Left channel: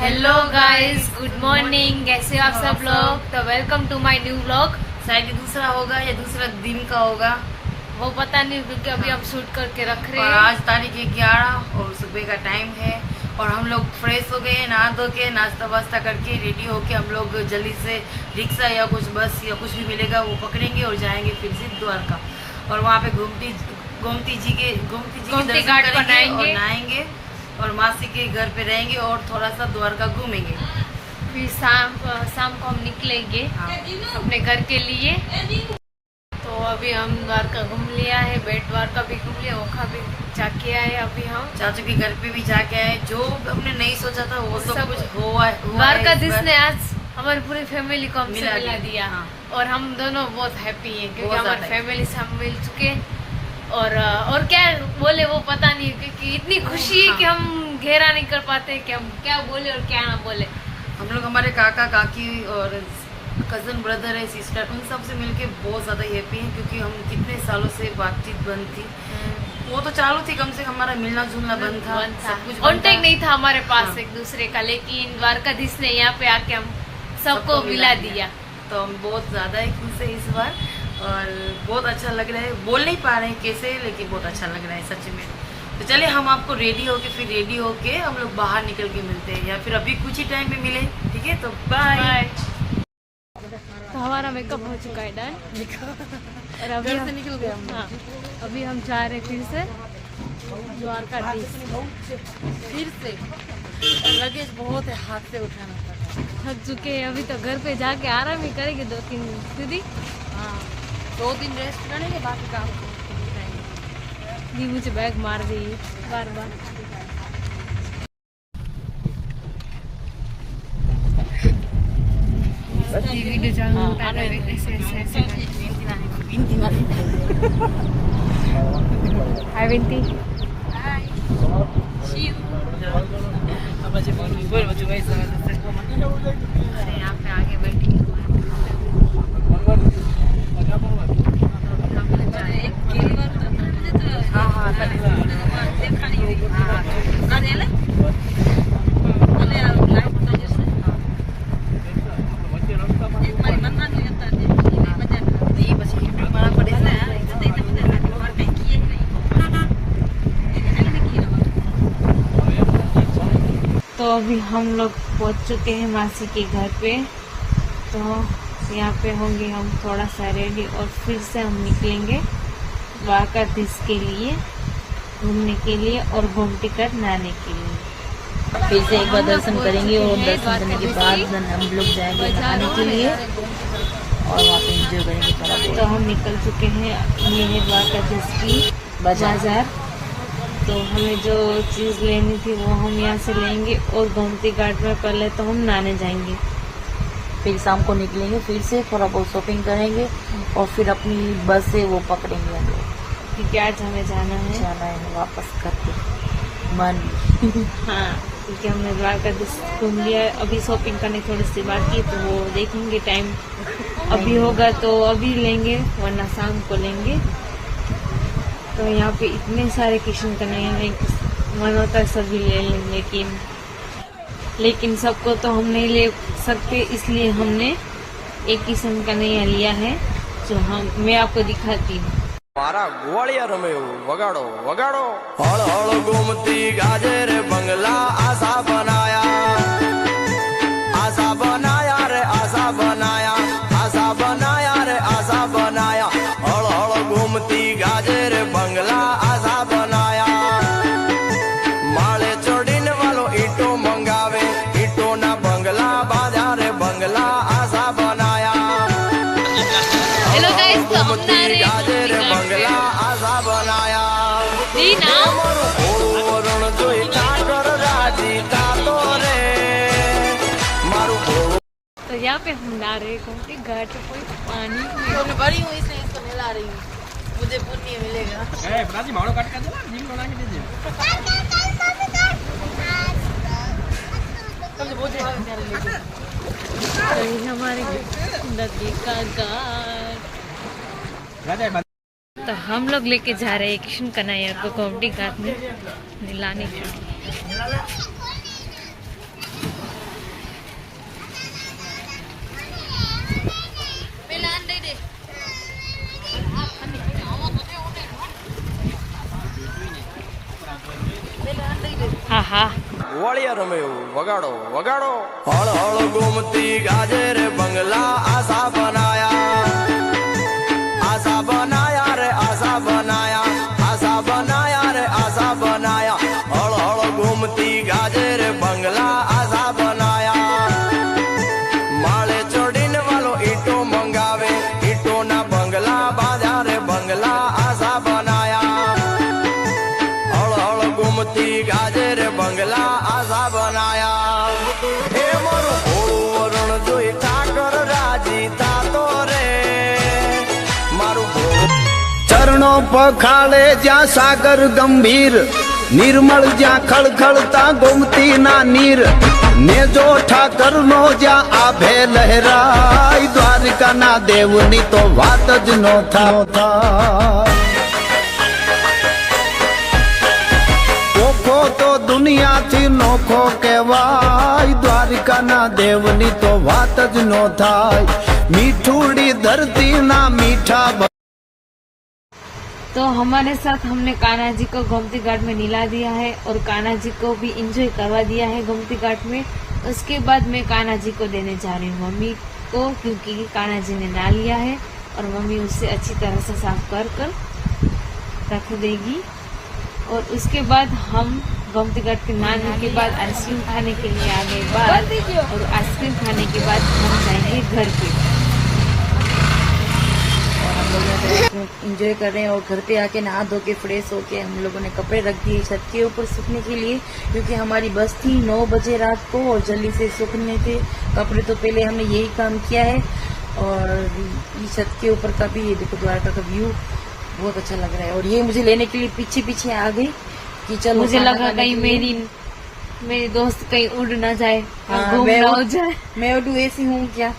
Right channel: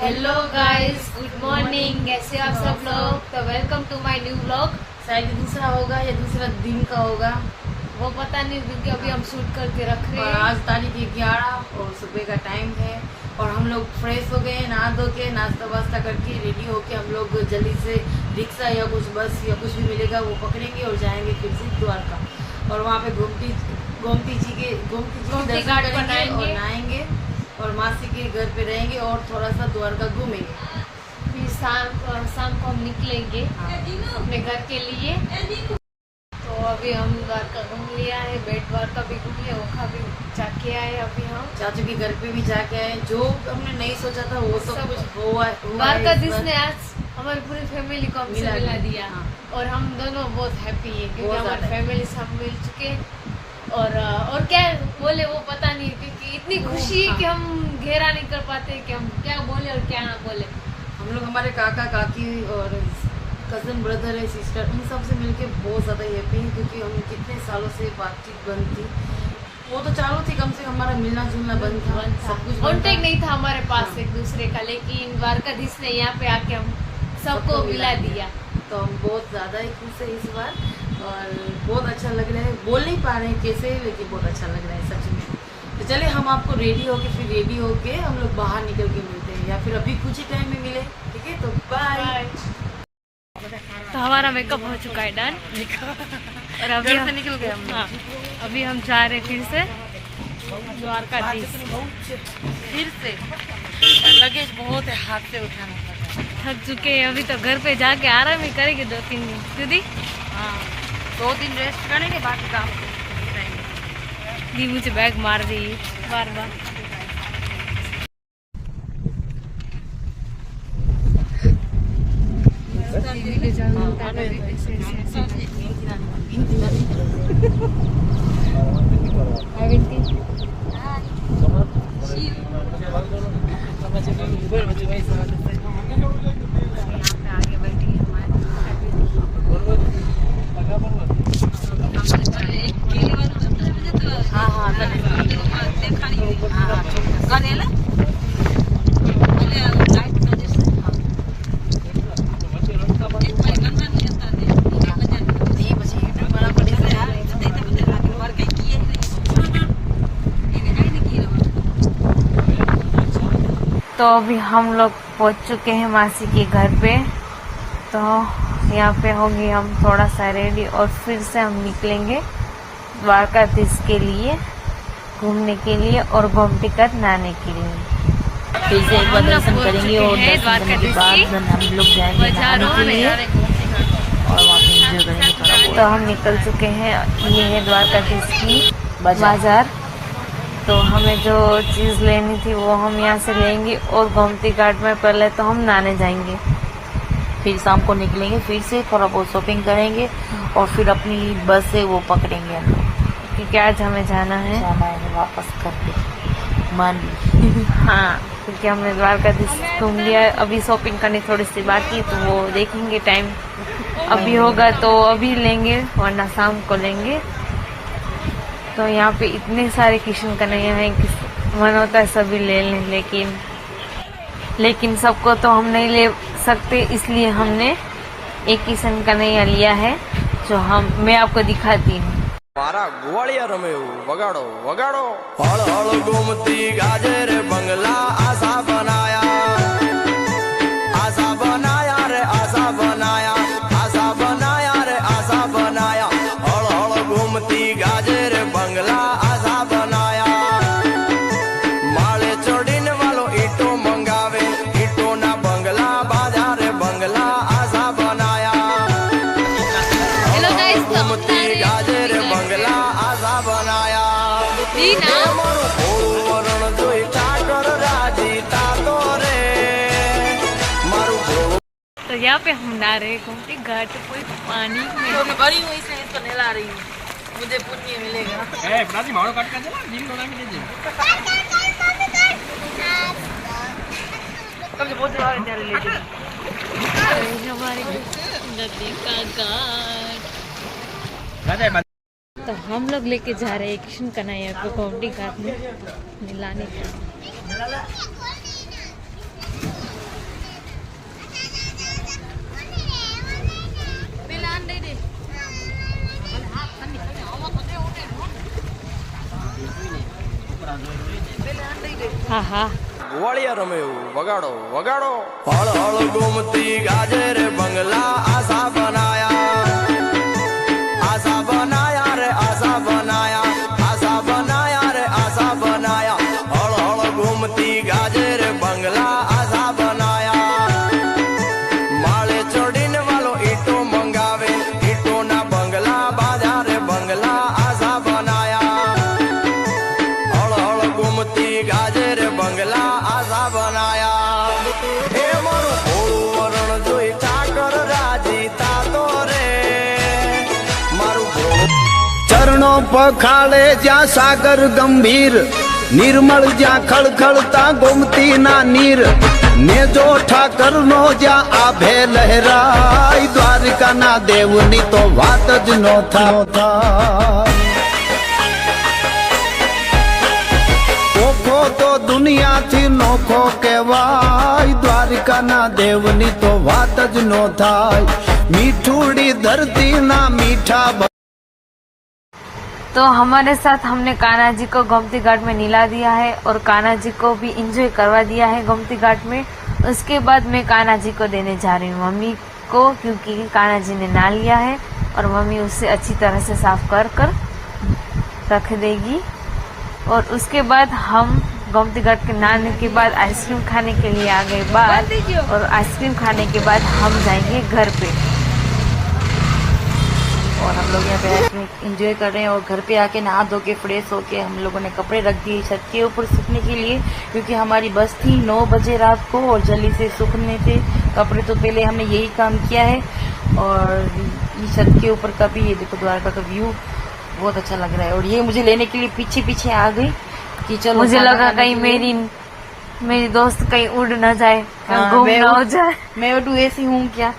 Hello guys, good morning. कैसे हो आप सब लोग? तो welcome to my new vlog. शायद दूसरा होगा या दूसरा दिन का होगा, वो पता नहीं क्योंकि अभी हम शूट करके रख रहे और हैं। आज तारीख 11 और सुबह का टाइम है और हम लोग फ्रेश हो गए, नहा धो के नाश्ता वास्ता करके रेडी होके हम लोग जल्दी से रिक्शा या कुछ बस या कुछ भी मिलेगा वो पकड़ेंगे और जाएंगे फिर से द्वारका। और वहाँ पे गोमती जी के दर्शन करेंगे और नहाएंगे और मासी के घर पे रहेंगे और थोड़ा सा द्वारका घूमेंगे। फिर शाम को हम निकलेंगे अपने घर के लिए। तो अभी हम द्वारका घूम लिया है, बेट द्वारका भी घूम लिया, ओखा भी जाके आए। अभी हम चाचू के घर पे भी जाके आए, जो हमने नहीं सोचा था वो सब कुछ हुआ द्वारका जिसने आज हमारी पूरी फैमिली को हमसे मिला दिया। हाँ। और हम दोनों बहुत हैप्पी हैं क्योंकि हमारी फैमिली से हम मिल चुके। और क्या बोले वो पता नहीं, क्योंकि इतनी खुशी है कि हम घेरा नहीं कर पाते कि हम क्या बोले और क्या ना बोले। हम लोग हमारे काका काकी और कजन ब्रदर है, सिस्टर, उन सब से मिलके बहुत ज्यादा हैप्पी हैं क्योंकि हम कितने सालों से बातचीत बंद थी। वो तो चालू थी, कम से कम हमारा मिलना जुलना बंद था, सब कुछ कॉन्टेक्ट नहीं था हमारे पास एक दूसरे का। लेकिन द्वारकाधीश ने यहाँ पे आके हम सबको मिला दिया। तो हम बहुत ज्यादा ही खुश है इस बार और बहुत अच्छा लग रहा है। बोल नहीं पा रहे हैं कैसे, लेकिन बहुत अच्छा लग रहा है सच में। तो चलिए हम आपको रेडी होके हम लोग बाहर निकल के मिलते हैं या फिर अभी कुछ ही टाइम में मिले, ठीक है? तो बाय। तो हमारा मेकअप हो चुका है डन और अभी घर से निकल गए हम। हाँ, अभी हम जा रहे फिर से द्वारकाधीश। फिर से लगेज बहुत है, हाथ से उठाना पड़ता है। थक चुके हैं, अभी तो घर पे जाके आराम ही करेंगे 2-3 दिन। दीदी हाँ, 2 दिन रेस्ट करेंगे, बाकी काम करेंगे। दी मुझे बैग मार दी बार बार। हाय विंती। हाय अरे यहाँ पे आगे बैठी तो अभी हम लोग पहुंच चुके हैं मासी के घर पे। तो यहाँ पे होंगे हम थोड़ा सा रेडी और फिर से हम निकलेंगे द्वारकाधीश के लिए घूमने के लिए और गोमती घाट नहाने के लिए। फिर से एक बार दर्शन करेंगे और दर्शन करने के बाद हम लोग जाएंगे नहाने के लिए और वहाँ पे एंजॉय करेंगे थोड़ा बहुत। तो हम निकल चुके हैं, ये है द्वारकाधीश की बाजार। तो हमें जो चीज़ लेनी थी वो हम यहाँ से लेंगे और गोमती घाट में पहले तो हम नहाने जाएंगे, फिर शाम को निकलेंगे, फिर से थोड़ा बहुत शॉपिंग करेंगे और फिर अपनी बस से वो पकड़ेंगे हम लोग, क्योंकि आज हमें जाना है वापस करके मान ली। हाँ, क्योंकि हमने द्वारकाधीश घूम लिया, अभी शॉपिंग करनी थोड़ी सी बाकी है तो वो देखेंगे, टाइम अभी होगा तो अभी लेंगे वरना शाम को लेंगे। तो यहाँ पे इतने सारे किशन कन्हैया हैं कि मन होता है सभी ले लें, लेकिन सबको तो हम नहीं ले सकते, इसलिए हमने एक किशन कन्हैया लिया है जो मैं आपको दिखाती हूँ। मारा ग्वालिया रमे वगाड़ो वगाड़ो हल हल गोमती गाजर बंगला आशा बनाया रे आशा बनाया रे आशा बनाया हल हल गोमती गाजर बंगला आशा बनाया। माले चढ़ीने वालो ईटो मंगावे, ईटो ना बंगला बाजार बंगला आशा बनाया। हेलो गाइस, तो गोमती गाजर बंगला आशा बनाया। मारू भोळું વરણ જોઈ ઠાકર રાજી તાતો રે मारू भोळું। तो यहाँ पे हम नहा रहे गोमती घाट पूरी पानी में। तो मैं बड़ी हूँ इसलिए इसको नहला रही हूँ, मुझे पुण्य मिलेगा। बहुत हमारे नदी का घाट। तो हम लोग लेके जा रहे हैं किशन कन्हैया को गोमती घाट में नहलाने के लिए। હા હા વળિયા રમે એવું વગાડો વગાડો હળ હળ ગોમતી ગાજે રે બંગલા આશા બનાયા રે આશા બનાયા રે આશા બનાયા હળ હળ ગોમતી ગાજે રે બંગલા આશા બનાયા માળે ચડીને વાલો ઈટો મંગાવે ઈટો ના બંગલા બાંધ્યા રે બંગલા આશા બનાયા હળ હળ ગોમતી ગાજે રે બંગલા આશા બનાયા એ મારું ભોળું વરણ જોઈ ઠાકર રાજી થાતો રે મારું ભોળું ચરણો પખાળે જ્યાં સાગર ગંભીર નિર્મળ જ્યાં ખળખળતા ગોમતી ના નીર ને જો ઠાકર નો જ્યાં આભે લહેરાય દ્વારકા ના દેવની તો વાત જ નો થાય ઓખો તો દુનિયાથી નોખો કહેવાય દ્વારકા ના દેવની તો વાત જ નો થાય મીઠુડી धरती ना मीठा। तो हमारे साथ हमने कान्हा जी को गोमती घाट में नीला दिया है और कान्हा जी को भी एंजॉय करवा दिया है गोमती घाट में। उसके बाद मैं कान्हा जी को देने जा रही हूँ मम्मी को, क्योंकि कान्हा जी ने नहा लिया है और मम्मी उसे अच्छी तरह से साफ कर रख देगी। और उसके बाद हम गोमती घाट के नहाने के बाद आइसक्रीम खाने के लिए आ गए बाहर, और आइसक्रीम खाने के बाद हम जाएंगे घर पे। और हम लोग यहाँ पे आइसक्रीम एंजॉय कर रहे हैं और घर पे आके नहा धो के फ्रेश होके हम लोगों ने कपड़े रख दिए छत के ऊपर सूखने के लिए, क्योंकि हमारी बस थी 9 बजे रात को और जल्दी से सूखने थे कपड़े। तो पहले हमने यही काम किया है। और छत के ऊपर का भी ये देखो द्वारका का व्यू बहुत अच्छा लग रहा है। और ये मुझे लेने के लिए पीछे पीछे आ गई कि चलो, मुझे लगा कहीं मेरी दोस्त कहीं उड़ न जाए, हाँ, मैं हो जाए। मैं उड़ू ऐसी हूँ क्या।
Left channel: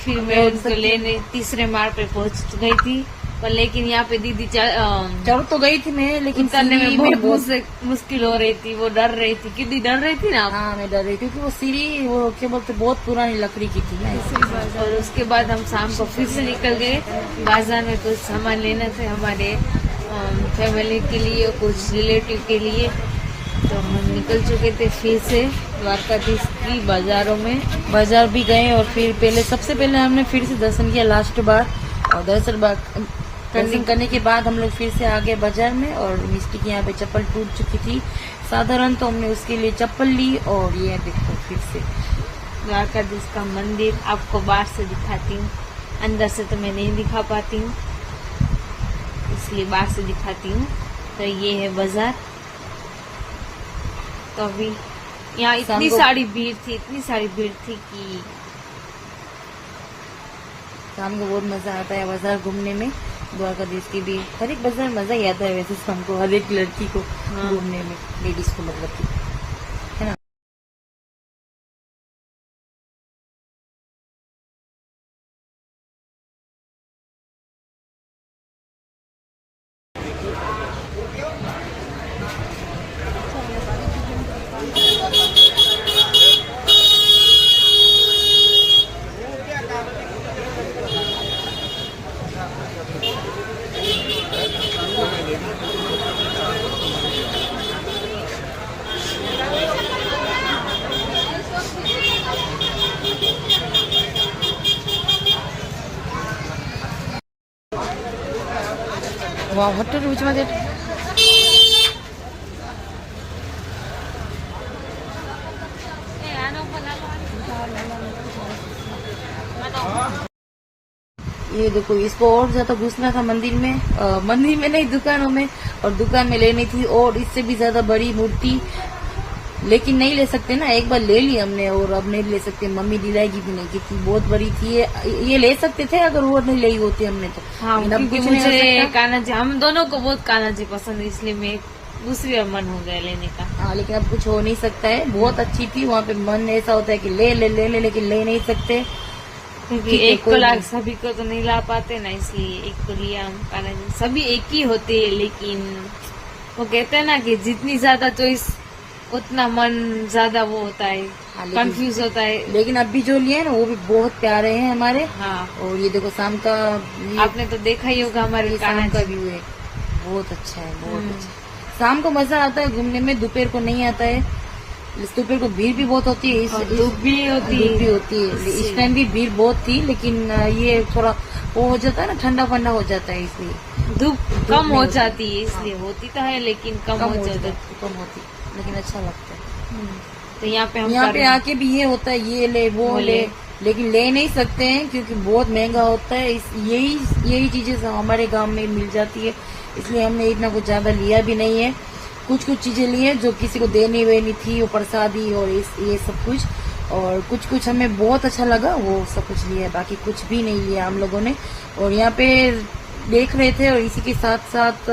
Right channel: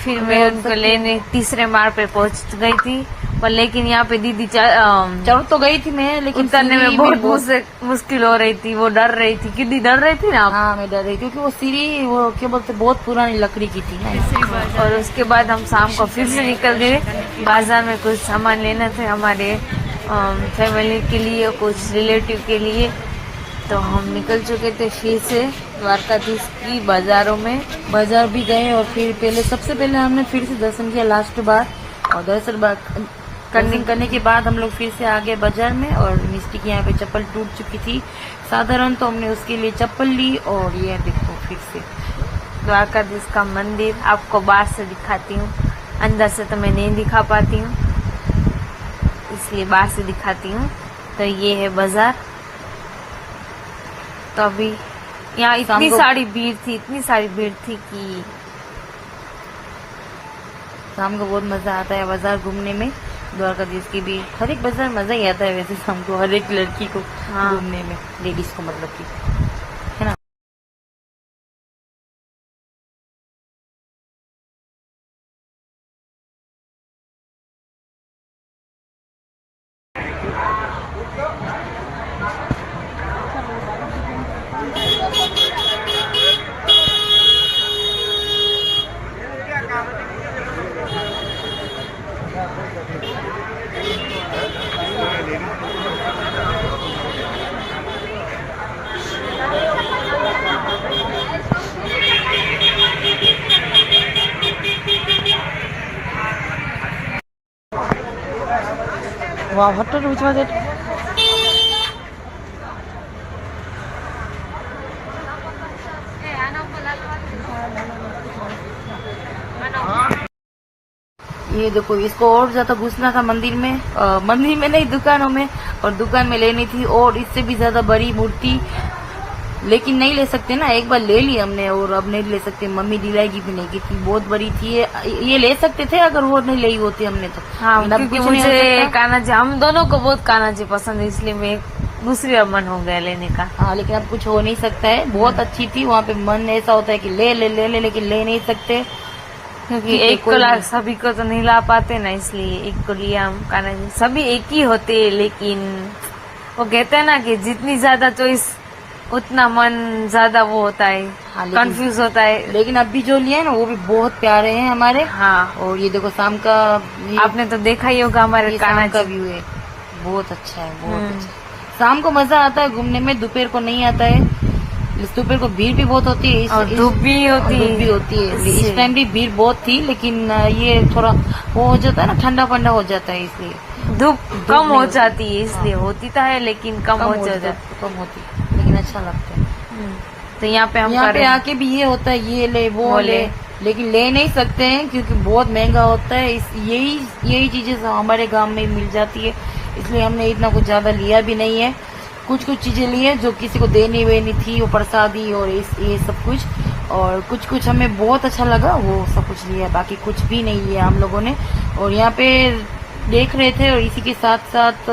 फिर मैं उनको लेने तीसरे मार पे पहुंच गई थी, पर लेकिन यहाँ पे दीदी चढ़ तो गई थी मैं, लेकिन उतरने में बहुत मुश्किल हो रही थी। वो डर रही थी, कितनी डर रही थी ना। हाँ मैं डर रही थी, क्योंकि वो सीढ़ी वो क्या बोलते बहुत पुरानी लकड़ी की थी ना। और उसके बाद हम शाम को फिर से निकल गए बाजार में, कुछ सामान लेना थे हमारे फैमिली के लिए, कुछ रिलेटिव के लिए। तो हम निकल चुके थे फिर से द्वारकाधीश की बाजारों में। बाजार भी गए और फिर सबसे पहले हमने फिर से दर्शन किया लास्ट बार, और दर्शन करने के बाद हम लोग फिर से आ गए बाजार में। और मिस्टी की यहाँ पे चप्पल टूट चुकी थी साधारण, तो हमने उसके लिए चप्पल ली। और ये देखो फिर से द्वारकाधीश का मंदिर आपको बाहर से दिखाती हूँ, अंदर से तो मैं नहीं दिखा पाती हूँ, इसलिए बाहर से दिखाती हूँ। तो ये है बाजार। तो अभी यहाँ इतनी सारी भीड़ थी कि शाम को बहुत मजा आता है बाजार घूमने में। द्वारकाधीश की भी हर एक बाजार मजा ही आता है वैसे शाम को, हर एक लड़की को घूमने में, लेडीज को मतलब की, है ना। 와, 헛되게 오지 마세요. ये देखो, इसको और ज्यादा घुसना था मंदिर में, मंदिर में नहीं दुकानों में, और दुकान में लेनी थी और इससे भी ज्यादा बड़ी मूर्ति, लेकिन नहीं ले सकते ना, एक बार ले ली हमने और अब नहीं ले सकते। मम्मी दिलाएगी भी नहीं, की बहुत बड़ी थी ये ले सकते थे अगर वो नहीं ली होती हमने तो। हाँ, क्योंकि मुझे कान्हा जी, हम दोनों को बहुत कान्हा जी पसंद है, इसलिए मैं दूसरी मन हो गया लेने का। हाँ, लेकिन अब कुछ हो नहीं सकता है। बहुत अच्छी थी, वहाँ पे मन ऐसा होता है कि ले ले ले ले, लेकिन ले नहीं सकते, क्योंकि एक को सभी को तो नहीं ला पाते ना, इसलिए एक को लिया हम कान्हा जी। सभी एक ही होते हैं, लेकिन वो कहते हैं ना कि जितनी ज्यादा चॉइस उतना मन ज्यादा वो होता है, कंफ्यूज होता है। लेकिन अब भी जो लिए ना वो भी बहुत प्यारे हैं हमारे। हाँ, और ये देखो शाम का आपने तो देखा ही होगा हमारे कान्हा का व्यू है, बहुत अच्छा है, बहुत अच्छा। शाम को मजा आता है घूमने में, दोपहर को नहीं आता है। दोपहर को भीड़ भी बहुत होती है और धूप भी होती है। इस टाइम भी भीड़ बहुत थी, लेकिन ये थोड़ा वो हो जाता है ना, ठंडा फंडा हो जाता है, इसलिए धूप कम हो जाती है, इसलिए होती तो है लेकिन कम हो जाती है। कम होती, लेकिन अच्छा लगता है। तो यहाँ पे हम यहाँ पे आके भी ये होता है, ये ले वो ले, लेकिन ले नहीं सकते हैं क्योंकि बहुत महंगा होता है। यही चीजें हमारे गांव में मिल जाती है, इसलिए हमने इतना कुछ ज्यादा लिया भी नहीं है। कुछ चीजें ली है जो किसी को देनी वेनी थी, वो प्रसादी और ये सब कुछ, और कुछ हमें बहुत अच्छा लगा, वो सब कुछ लिया, बाकी कुछ भी नहीं लिया हम लोगों ने। और यहाँ पे देख रहे थे, और इसी के साथ साथ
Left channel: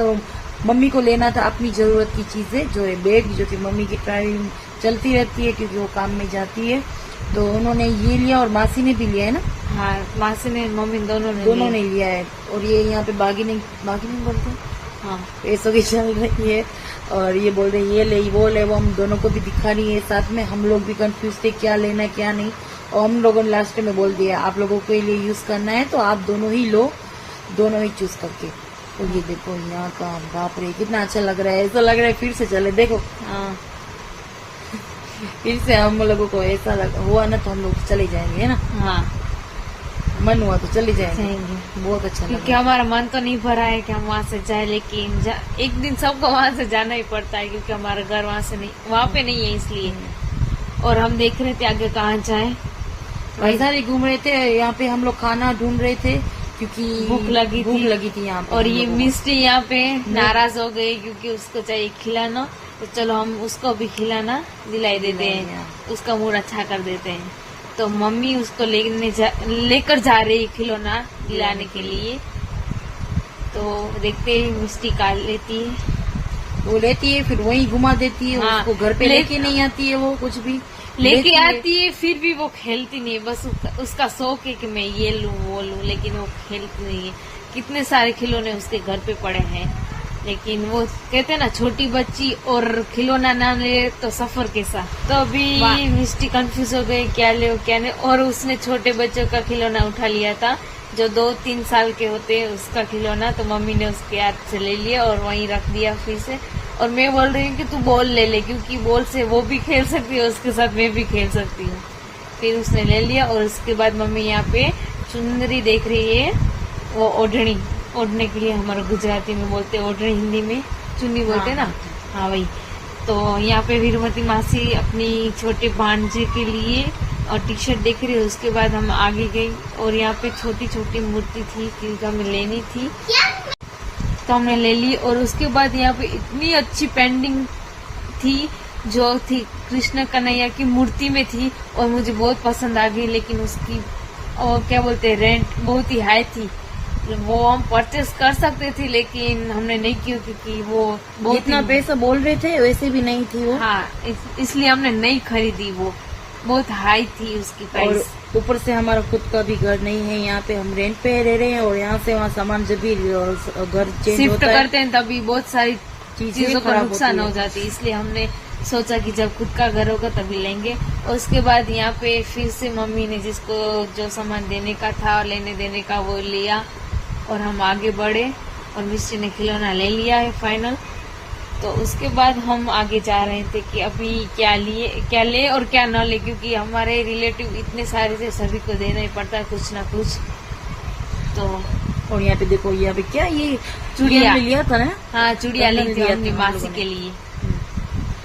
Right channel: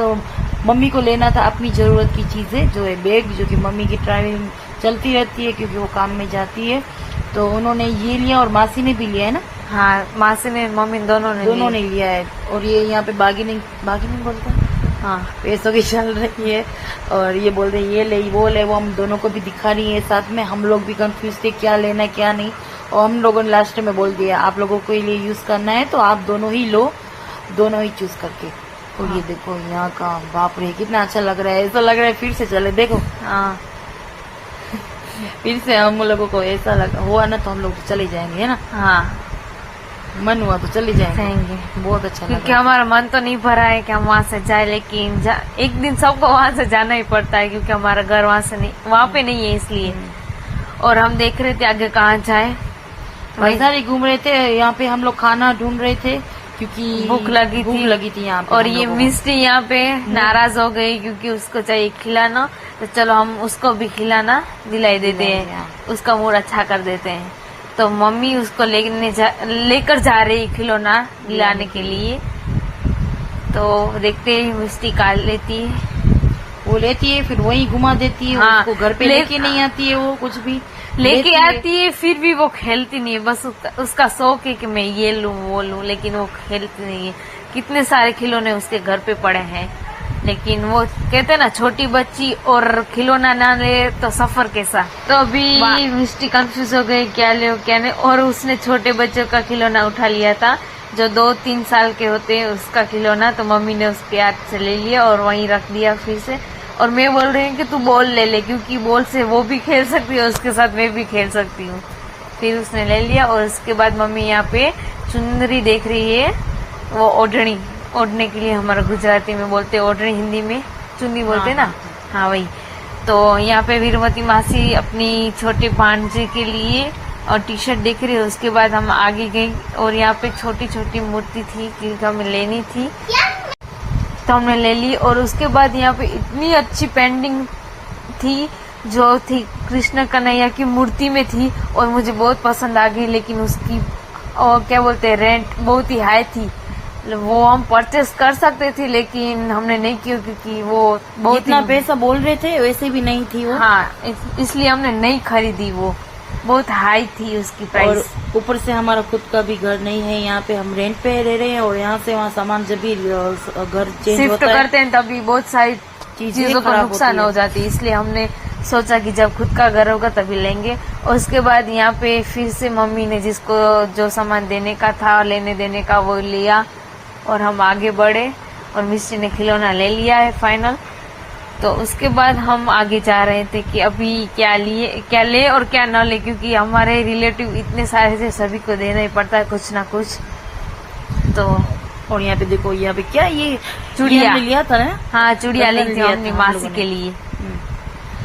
मम्मी को लेना था अपनी जरूरत की चीजें, जो है बैग, जो कि मम्मी की ट्रैवलिंग चलती रहती है क्योंकि वो काम में जाती है, तो उन्होंने ये लिया। और मासी ने भी लिया है ना? हाँ, मासी ने मम्मी दोनों ने लिया है। और ये यहाँ पे बार्गेनिंग बोलते हैं, हाँ, पैसों की चल रही है। और ये बोल रहे ये ले वो ले, वो हम दोनों को भी दिखा रही है साथ में। हम लोग भी कंफ्यूज थे क्या लेना है क्या नहीं, और हम लोगों ने लास्ट में बोल दिया आप लोगों को ये यूज करना है तो आप दोनों ही लो, दोनों ही चूज करके। और ये देखो यहाँ का, बाप रे कितना अच्छा लग रहा है, ऐसा लग रहा है फिर से चले। देखो हाँ, फिर से हम लोगों को ऐसा हुआ ना तो हम लोग चले जाएंगे, है ना? हाँ, मन हुआ तो चले जाएंगे। बहुत अच्छा क्योंकि लगा। हमारा मन तो नहीं भरा है कि हम वहाँ से जाए, लेकिन एक दिन सबको वहाँ से जाना ही पड़ता है क्योंकि हमारा घर वहाँ पे नहीं है, इसलिए। और हम देख रहे थे आगे कहाँ जाए, इधर ही घूम रहे थे। यहाँ पे हम लोग खाना ढूंढ रहे थे क्योंकि भूख लगी थी यहाँ पे। और ये मिस्टी यहाँ पे नाराज हो गई क्योंकि उसको चाहिए खिलाना, तो चलो हम उसको भी खिलाना दिलाई देते हैं, उसका मूड अच्छा कर देते हैं। तो मम्मी उसको लेकर जा रही खिलौना दिलाने के लिए। तो देखते ही मिस्टी काट लेती है, वो लेती है फिर वहीं घुमा देती है। हाँ, उसको घर पे लेके नहीं आती है, वो कुछ भी लेके आती है फिर भी वो खेलती नहीं है। बस उसका शौक है कि मैं ये लूं वो लूं, लेकिन वो खेलती नहीं है। कितने सारे खिलौने उसके घर पे पड़े हैं, लेकिन वो कहते हैं ना छोटी बच्ची और खिलौना ना ले तो सफर कैसा। तो अभी मिस्टी कंफ्यूज हो गई क्या ले क्या नहीं, और उसने छोटे बच्चों का खिलौना उठा लिया था जो 2-3 साल के होते हैं, उसका खिलौना। तो मम्मी ने उसके हाथ से ले लिया और वहीं रख दिया फिर से। और मैं बोल रही हूँ कि तू बॉल ले क्योंकि बॉल से वो भी खेल सकती है, उसके साथ मैं भी खेल सकती हूँ। फिर उसने ले लिया। और उसके बाद मम्मी यहाँ पे चुनरी देख रही है, वो ओढ़नी, ओढ़ने के लिए हमारा गुजराती में बोलते हैं ओढ़नी, हिंदी में चुन्नी बोलते हैं ना, हाँ वही। तो यहाँ पे वीरमती मासी अपनी छोटी भांजी के लिए और टी शर्ट देख रही है। उसके बाद हम आगे गए और यहाँ पे छोटी छोटी मूर्ति थी कि हमें लेनी थी, तो हमने ले ली। और उसके बाद यहाँ पे इतनी अच्छी पेंटिंग थी जो थी कृष्ण कन्हैया की मूर्ति में थी, और मुझे बहुत पसंद आ गई। लेकिन उसकी और क्या बोलते हैं रेंट बहुत ही हाई थी। वो हम परचेस कर सकते थे लेकिन हमने नहीं किया क्योंकि वो बहुत इतना पैसा बोल रहे थे वैसे भी नहीं थी वो। हाँ, इसलिए हमने नहीं खरीदी, वो बहुत हाई थी उसकी प्राइस। और ऊपर से हमारा खुद का भी घर नहीं है, यहाँ पे हम रेंट पे रह रहे हैं। और यहाँ से वहाँ सामान जब भी घर चेंज शिफ्ट करते हैं तभी बहुत सारी चीजों का नुकसान हो जाती है, इसलिए हमने सोचा कि जब खुद का घर होगा तभी लेंगे। और उसके बाद यहाँ पे फिर से मम्मी ने जिसको जो सामान देने का था लेने देने का वो लिया और हम आगे बढ़े। और मिस्टी ने खिलौना ले लिया है फाइनल। तो उसके बाद हम आगे जा रहे थे कि अभी क्या ले और क्या न ले, क्योंकि हमारे रिलेटिव इतने सारे थे, सभी को देना ही पड़ता है कुछ ना कुछ। तो और यहाँ पे देखो, यहाँ पे क्या ये चूड़िया हमने लिया था ना? हाँ, चूड़िया ली थी हमने मासी के लिए।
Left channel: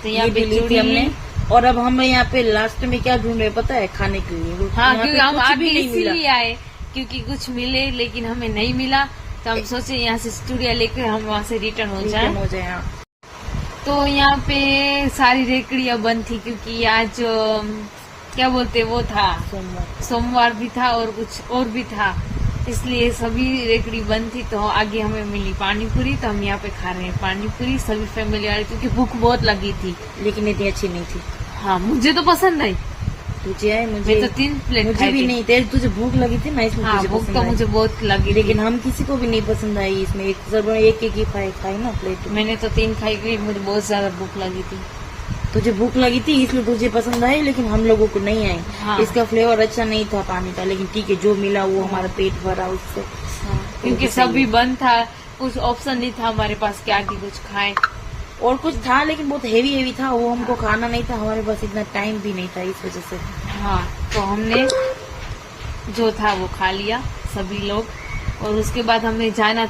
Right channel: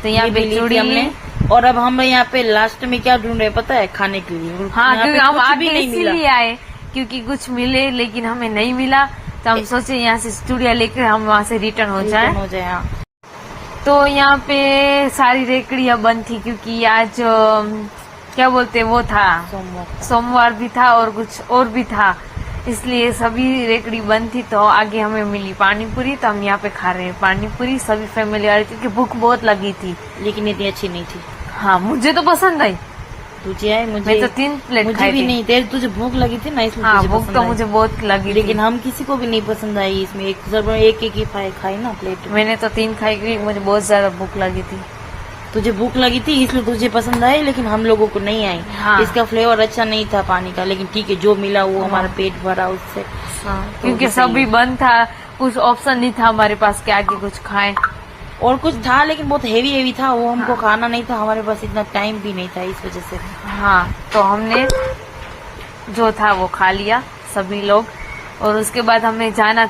तो यहाँ पे चूड़ी हमने। और अब हम यहाँ पे लास्ट में क्या ढूंढ रहे पता है? खाने के लिए। हाँ, क्योंकि हम आगे इसीलिए आए क्योंकि कुछ मिले, लेकिन हमें नहीं मिला। तो हम सोचे यहाँ से चूड़िया लेकर हम वहाँ से रिटर्न हो जाए। हाँ। तो यहाँ पे सारी रेकड़ियाँ बंद थी क्योंकि आज क्या बोलते वो था, सोमवार भी था और कुछ और भी था, इसलिए सभी रेकड़ी बंद थी। तो आगे हमें मिली पानी पूरी, तो हम यहाँ पे खा रहे हैं पानी पूरी। सभी फैमिली आ रही क्योंकि भूख बहुत लगी थी, लेकिन इतनी अच्छी नहीं थी। हाँ, मुझे तो पसंद आई। तुझे आई? मुझे मैं तो 3 प्लेट मुझे भी नहीं। तेरे तुझे भूख लगी थी ना, इसमें हाँ, भूख तो मुझे बहुत लगी, लेकिन हम किसी को भी नहीं पसंद आई। इसमें एक ही खाई ना प्लेट। मैंने तो 3 खाई क्योंकि मुझे बहुत ज्यादा भूख लगी थी। तुझे भूख लगी थी इसलिए तुझे पसंद आई, लेकिन हम लोगों को नहीं आई। हाँ। इसका फ्लेवर अच्छा नहीं था पानी का, लेकिन ठीक है जो मिला वो हमारा पेट भरा उससे। हाँ, क्योंकि सभी बंद था, कुछ ऑप्शन नहीं था हमारे पास कि आगे कुछ खाएं। और कुछ था लेकिन बहुत हेवी था, वो हमको खाना नहीं था, हमारे पास इतना टाइम भी नहीं था इस वजह से। हाँ, तो हमने जो था वो खा लिया सभी लोग, और उसके बाद हमें जाना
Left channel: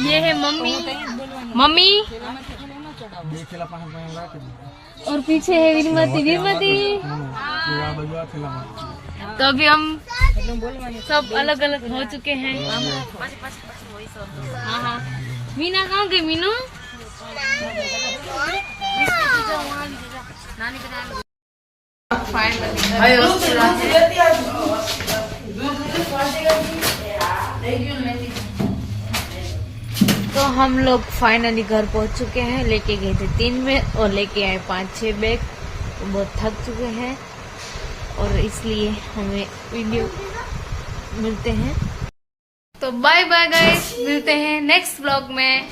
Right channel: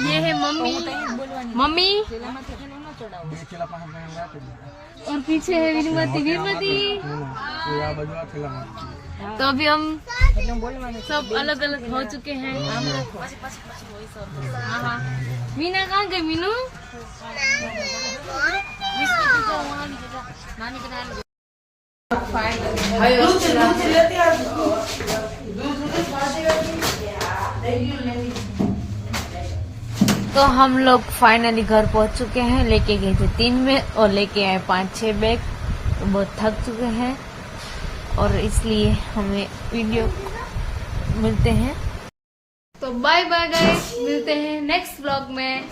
ये है मम्मी, मम्मी और पीछे है वीरमती, वीरमती। तो अभी हम सब अलग अलग हो चुके हैं। हाँ हाँ, मीना कहाँ गई? मीनू तो हम लोग फाइनली घर पहुंच चुके हैं। लेके गए थे 3 बैग और लेके आए 5-6 बैग। तो बहुत थक चुके हैं और इसलिए हमें वीडियो मिलते हैं। तो बाय बाय गाइस, मिलते हैं नेक्स्ट व्लॉग में।